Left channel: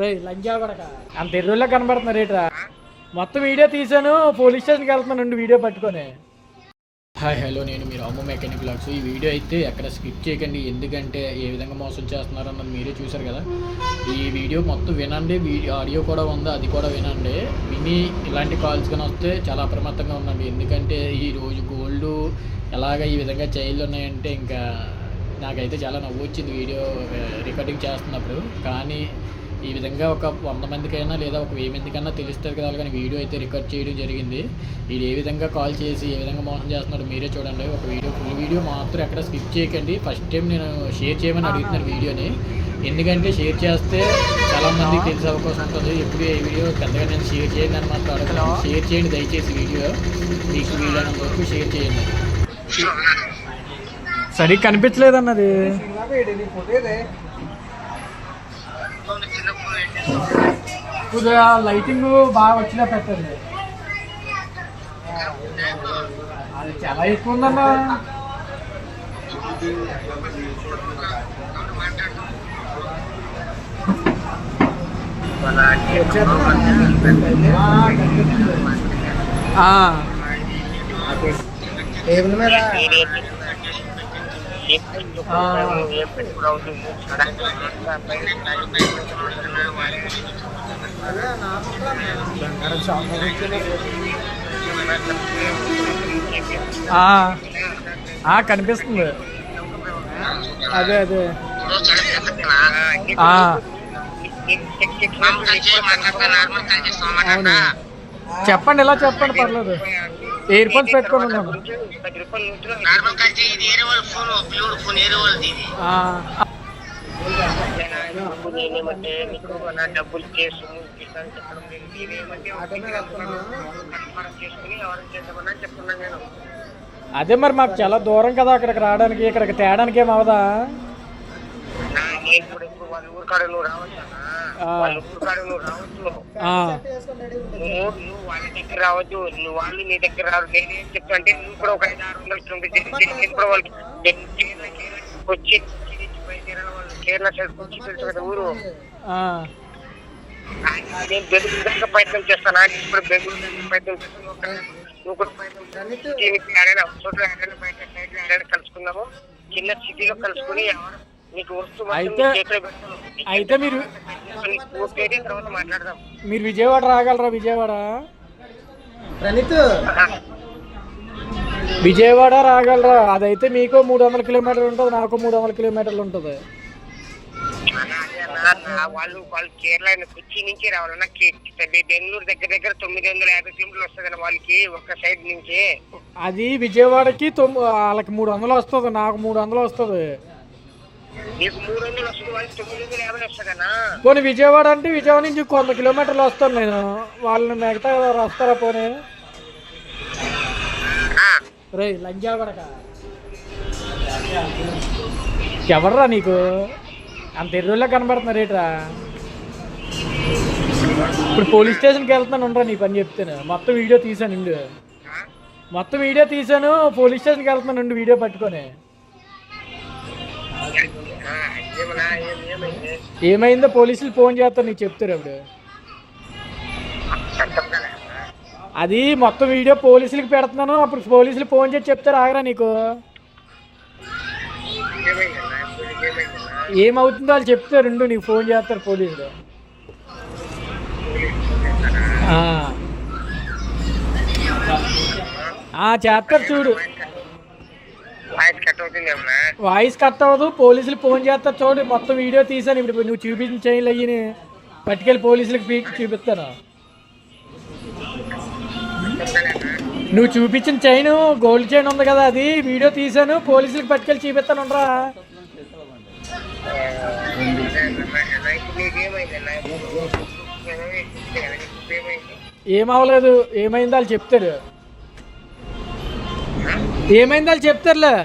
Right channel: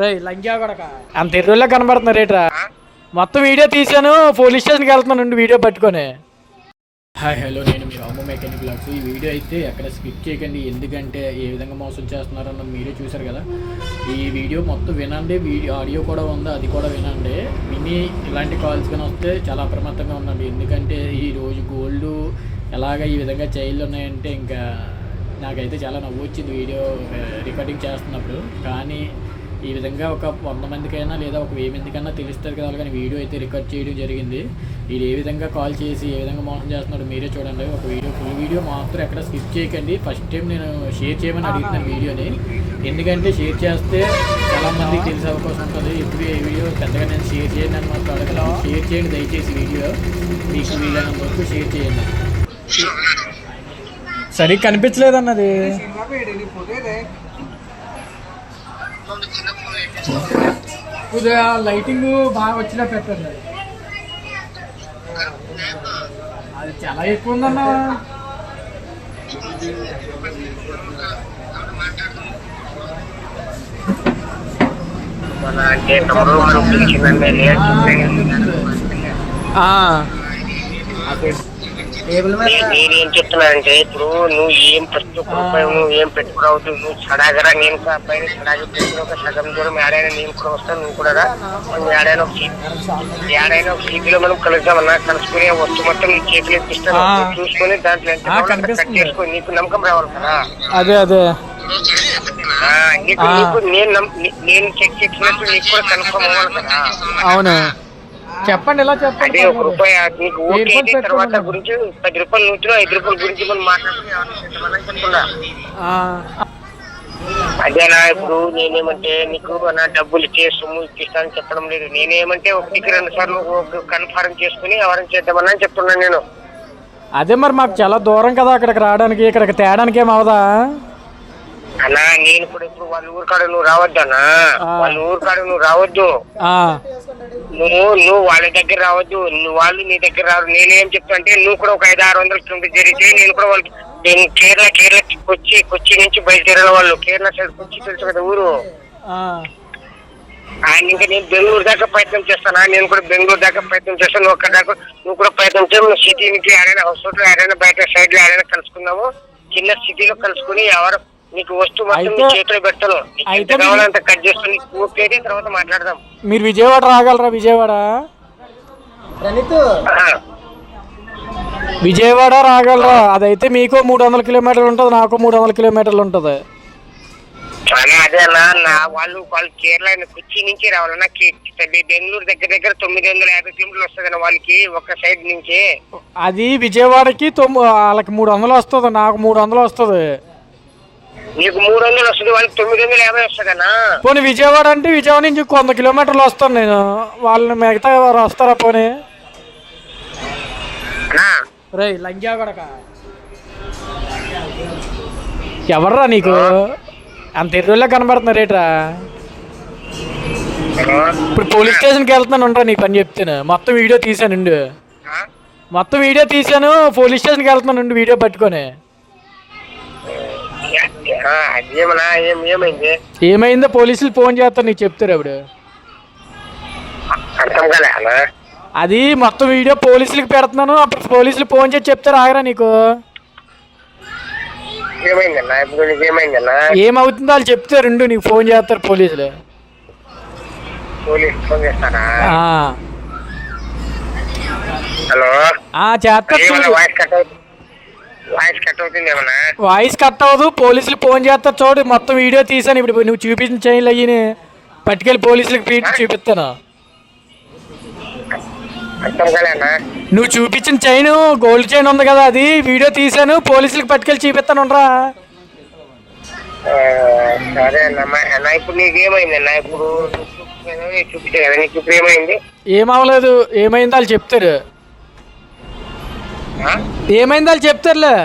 రే లంగా కొడక అంత ఎర్రోళ్ళే కనబడుతున్నారు రేట్రా. మొత్తం వీడియో తీసాను, పోలీస్ స్టేషన్కి వెళ్తున్నాను వీడియో పట్టుకొని. హాయ్ హలో, నేను మీరు అమ్మ మెకానిక్ బ్లాగ్స్. ఈ వీడియో అయితే ఎక్కడ స్కిప్ చేయకండి, ఎందుకంటే ఏ విధంగా మోసం చేస్తున్నారు అన్నది మీరే చూసారు కదా. ఈ వీడియో మొత్తం వినండి, ఆడియో కూడా ఉంది, అది కూడా వినండి. విని ఇలాంటి కాల్స్ కానీ వస్తే చాలా అప్రమత్తంగా ఉండండి. ఎందుకంటే ఈరోజు గోల్డ్ ఎలాగ ఈ విధంగా చైల్డ్ ఉన్నాయంటే ఇంకా నాకైతే చాలా నవ్వు వచ్చింది వీడియో రికార్డింగ్ చేస్తున్నప్పుడు. కానీ ఈ విధంగా ఒక 100 మందికైనా లేదా ఒక 1000 మందికైనా తెలుస్తుంది కదా, కానీ వీడియో అయితే రికార్డ్ చేయడం జరిగింది. వీడు ఏ విధంగా కాల్ చేసి ఏ విధంగా మోసం చేస్తున్నాడు మీరే చూడండి. ఒక ఫుల్ వీడియో మాత్రం ఎక్కడ స్కిప్ చేయకండి. ఫస్ట్ టైం నేను షేర్ చేయమని అడుగుతున్నాను వీడియోని, ఎందుకంటే షేర్ చేస్తే చాలామందికి తెలిసే అవకాశం ఉంటుంది. ఎప్పుడు ఏ వీడియో పెద్దగా నేను షేర్ చేయండి అని మాత్రం అడగను. షేర్ చేయండి దయచేసి, వీడియో మీకు వీలైనంత వరకు షేర్ చేయండి. సరిగ్గా కనిపించలేదు అన్నది. కొద్దిగా లైటింగ్ బాగా వచ్చినా పెట్టండి. అది చాలా ఎక్కువ ఉందన్నా. నేనేం చెప్తున్నానంటే, ఇప్పుడు నువ్వు ఏం ప్రతి ఒక్క రూపాయి నువ్వు ఏం పెట్టుకురావద్దు. నువ్వు సడాగరా నేను పైన ఒక సగం దూరం ఏడైనా నేను కూడా వస్తాను, నువ్వు కూడా ఏడైనా ఒక సీపీలో మనం కలుద్దామన్నా. కలుసుకునే వస్తు మొత్తం నీ చేతిలో ఇస్తాను, చూసుకొని దాంట్లో నీకు నమ్మకం రావాలి కదా. నేను చెక్ చేసినట్టు నీకు కూడా కన్ఫర్మ్ అవ్వాలి కదా. అవును, చెప్పండి, ఎలా చెప్పండి. తర్వాత గురించి 10 రూపాయలు నూతులు 5 రూపాయల గురించి మనం అదేనా. ఇప్పుడు నేనేమంటే నీకు నా డబ్బులు ఇచ్చే సొమ్ము ఇప్పిస్తానని చెప్పడం లేదు. నేనేమంటే ఒకటికి 2 సార్లు కన్ఫర్మ్ చేసుకుని ఎవరైనా చేద్దామని చెప్తున్నాను నేను. అదే మరి మాకు చాలా దూరం కదా అక్కడికి రావడానికి, ఇక్కడికి తేడానికి ఏం అవదా అన్నా. నేను కూడా ఇప్పుడు వాళ్ళ ఊరు కాడ నువ్వు రావద్దు అన్నా, వాళ్ళ ఊరు కాడ నువ్వు రావద్దు, నువ్వు వాళ్ళ దగ్గర రావద్దు, వాళ్ళు నీ దగ్గర రావద్దు. నేనేం చెప్తా అంటే, నువ్వు కూడా ఒక 500-600 కిలోమీటర్ జరిగితే నేను కూడా వాళ్ళకి కేరళ కొచ్చి నుంచి బయలుదేరిన వాళ్ళు. కేరళ సైడ్ కొచ్చి తెలుసు కదా ఊరు. ఆయన ఇంకా నేను బెంగళూరు దాకా ప్రయత్నం చేస్తానా, నేను కూడా బెంగళూరు దాకా ప్రయత్నం చేస్తాను. నువ్వు ఒక్క దాకా నువ్వు కూడా ప్రయత్నం చేయ. నువ్వు సిటీ నుంచి ఆడైనా హౌస్ ఆడైనా బయట సైడ్ లో ఆడైనా కలుసుకుందాము. చిన్న సిటీలో కలుసుకుని ఎవరు నీకు వస్తువు మొత్తం చేతిలో పెడతాను, కావాలంటే కట్ చేసుకుని పూర్తి తర్వాత మాట్లాడదాం. మీరు విజయవాడ రాగలరా? విజయవాడ రాగలరా? అదైతే మీకు 300 కిలోమీటర్లు ఉంటుంది, నాకు 300 కిలోమీటర్లు ఉంటుంది. అదే అన్న, వాళ్ళు కేరళ కొచ్చి నుంచి రావాలన్నా. బెంగళూరు దగ్గర 950 కిలోమీటర్లు వస్తుంది వాళ్ళకి ఒక సైడ్ నుంచి. అది విజయవాడకి వాళ్ళకి 300 వస్తుంది, నాకు 300 వస్తుంది. నీకు 300 వస్తుంది, వాళ్ళకి 950 వస్తుందన్నా. పోనీ విజయవాడ అంటే విజయవాడ నుంచి 100 కిలోమీటర్లు వస్తాను నేను. వాళ్ళని మిగతా వస్తారా? పోనీ రే లంగా కొడక ఎవర్రా నీకు అంత ఎర్రోళ్ళే కనబడుతున్నారు రేట్రా. ఇప్పుడు పోలీస్ స్టేషన్కి వెళ్తున్నాను నీ పని చెప్తాను. మొత్తం వీడియో తీసాను, పోలీస్ స్టేషన్కి వెళ్తున్నాను వీడియో పట్టుకొని. ఏమైందో పోలీసులు ఫోన్ చేస్తారు, నీకు చెప్తారు అప్పుడు. అది మొత్తం వీడియో పోలీసులకి పెడుతున్నాను, అప్పుడు పోలీసులు ఫోన్ చేసి చెప్తారు. ఆగరా నీకు ఏమవుతుందో వాళ్ళు చెప్తారు, నీకు ఫోన్ చేస్తారు పోలీసులు. చేస్తారు చూడు. వాయిస్ కట్ అవ్వదు, పోలీసులు ఫోన్ చేస్తారు చూడు. మొత్తం వీడియో తీసాను, ఇప్పుడు నువ్వు చూపించిన చైన్లు అయ్యి పట్టుకెళ్ళి పోలీసులకు చూపిస్తాను. నువ్వు చూపించిన చైన్ గోల్డ్ చైన్ ఉంది కదా, అది వీడియో తీసాను, పోలీసులకు పట్టుకెళ్ళి చూపిస్తాను. ఏమవలేదు, ఏమైందో వాళ్ళు చెప్తారు. ఏమైందో వాళ్ళు చెప్తారులే.